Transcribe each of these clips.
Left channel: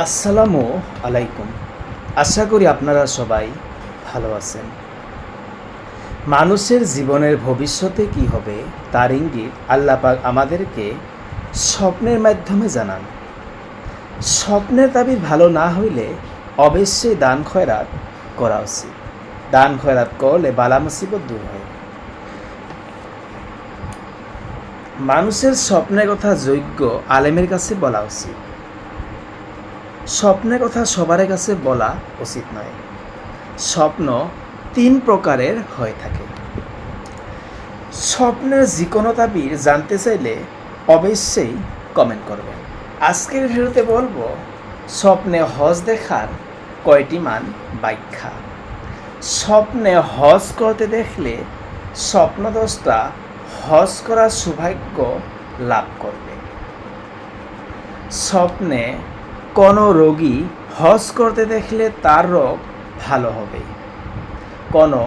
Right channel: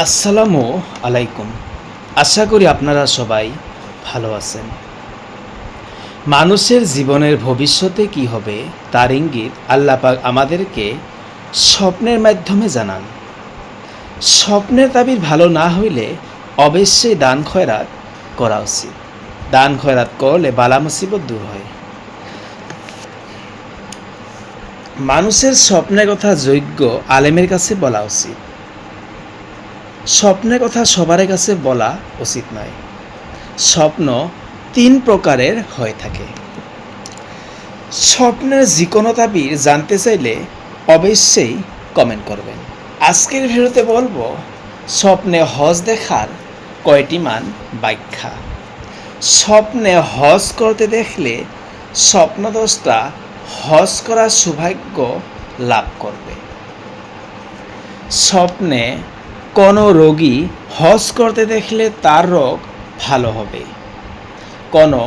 আসসালামু আলাইকুম। আশা করি আপনারা সবাই ভালো আছেন। মানুষের জীবনের ভবিষ্যতে কি হবে তার ইঙ্গিত আল্লাহ পাক আমাদেরকে স্বপ্নের মাধ্যমে জানান। স্বপ্নের তাবির ভালো না হইলে অবশ্যই দান খয়রাত করা উচিত। দান খয়রাত করলে বালা মুসিবত দূর হয়। মানুষের স্বপ্নের কথা যোগ্য আলেমের কাছে বলা উচিত। স্বপ্নের কথা সবার কাছে বলা উচিত নয়। স্বপ্ন ৩ প্রকারের হয়ে থাকে। স্বপ্নের যে কোনো তাবির জানতে চাইলে অবশ্যই কমেন্ট করবেন। আজকের ভিডিওতে বলবো স্বপ্নে হজ দেখার কয়টি মান ব্যাখ্যা। স্বপ্নে হজ করতে দেখলে স্বপ্নদ্রষ্টা হজ করার সৌভাগ্য লাভ করবে। স্বপ্নে কোনো রোগী হজ করতে দেখলে তার রোগ ভালো হবে। কোনো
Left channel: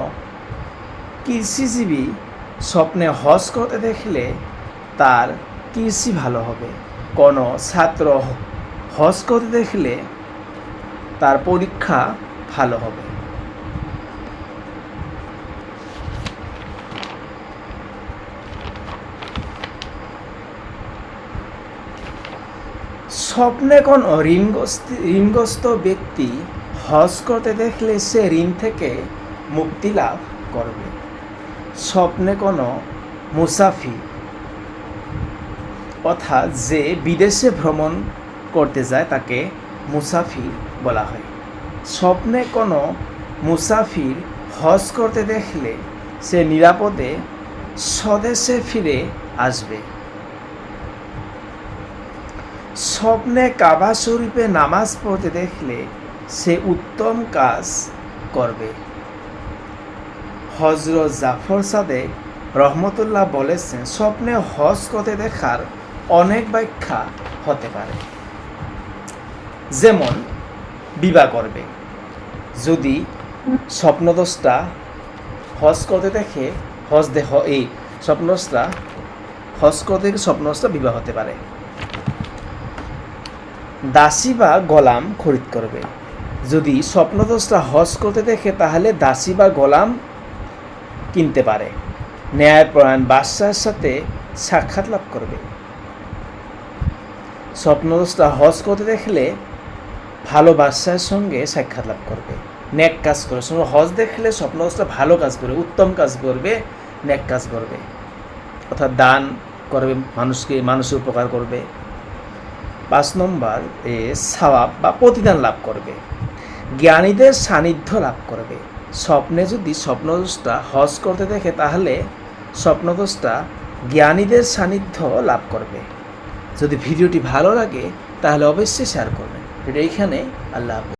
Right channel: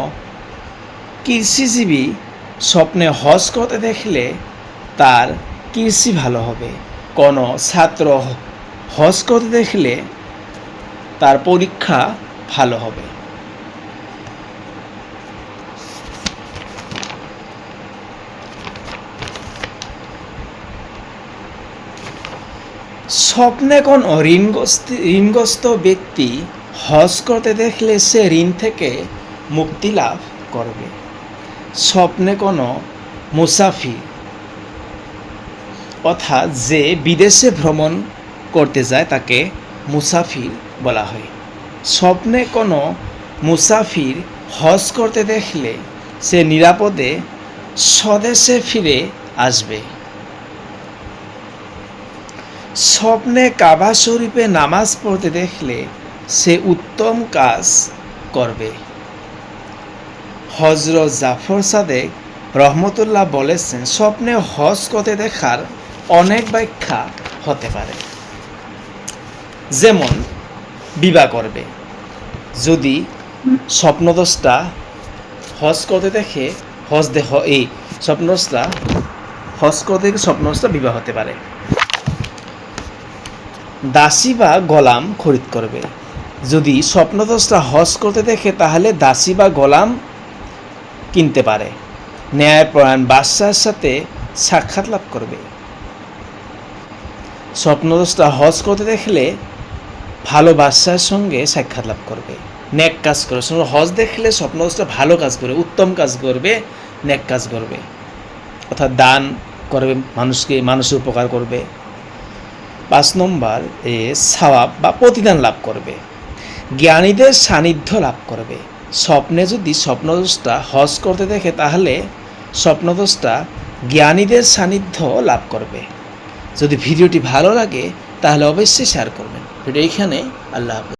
কৃষিজীবী স্বপ্নে হজ করতে দেখলে তার কৃষি ভালো হবে। কোনো ছাত্র হজ করতে দেখলে তার পরীক্ষা ভালো হবে। স্বপ্নে কোনো ঋণগ্রস্ত ব্যক্তি হজ করতে দেখলে সে ঋণ থেকে মুক্তি লাভ করবে। স্বপ্নে কোনো মুসাফির অর্থাৎ যে বিদেশে ভ্রমণ করতে যায় তাকে মুসাফির বলা হয়। স্বপ্নে কোনো মুসাফির হজ করতে দেখলে সে নিরাপদে স্বদেশে ফিরে আসবে। স্বপ্নে কাবা শরীফে নামাজ পড়তে দেখলে সে উত্তম কাজ করবে। হযরত জাফর সাদেক রহমতুল্লাহ বলেছেন, স্বপ্নে হজ করতে দেখার অনেক ব্যাখ্যা হতে পারে। যেমন বিবাহ করবে। যদি স্বপ্নদ্রষ্টা হজ করতে দেখে স্বপ্নদ্রষ্টা বিবাহ হতে পারে। দাসী বা গোলাম খরিদ করবে। যদি স্বপ্নদ্রষ্টা হজ করতে দেখে তাহলে দাসী বা গোলাম কিনতে পারে। ন্যায়পরায়ণ বাদশার সাথে সাক্ষাৎ লাভ করবে। স্বপ্নদ্রষ্টা হজ করতে দেখলে ভালো বাদশার সঙ্গে সাক্ষাৎ লাভ করবে। নেক কাজ করবে। হজ দেখলে স্বপ্নদ্রষ্টা ভালো কাজ করবে, উত্তম কাজ করবে, নেক কাজ করবে, অর্থাৎ দান করবে, মানুষের উপকার করবে। ৫ নম্বর সওয়াব বা প্রতিদান লাভ করবে। জ্ঞানীদের সান্নিধ্য লাভ করবে। স্বপ্নে যদি স্বপ্নদ্রষ্টা হজ করতে দেখে তাহলে স্বপ্নদ্রষ্টা জ্ঞানীদের সান্নিধ্য লাভ করবে। যদি ভিডিওটি ভালো লাগে তাহলে অবশ্যই শেয়ার করবেন। ভিডিও এইখানে। আল্লাহ হাফেজ।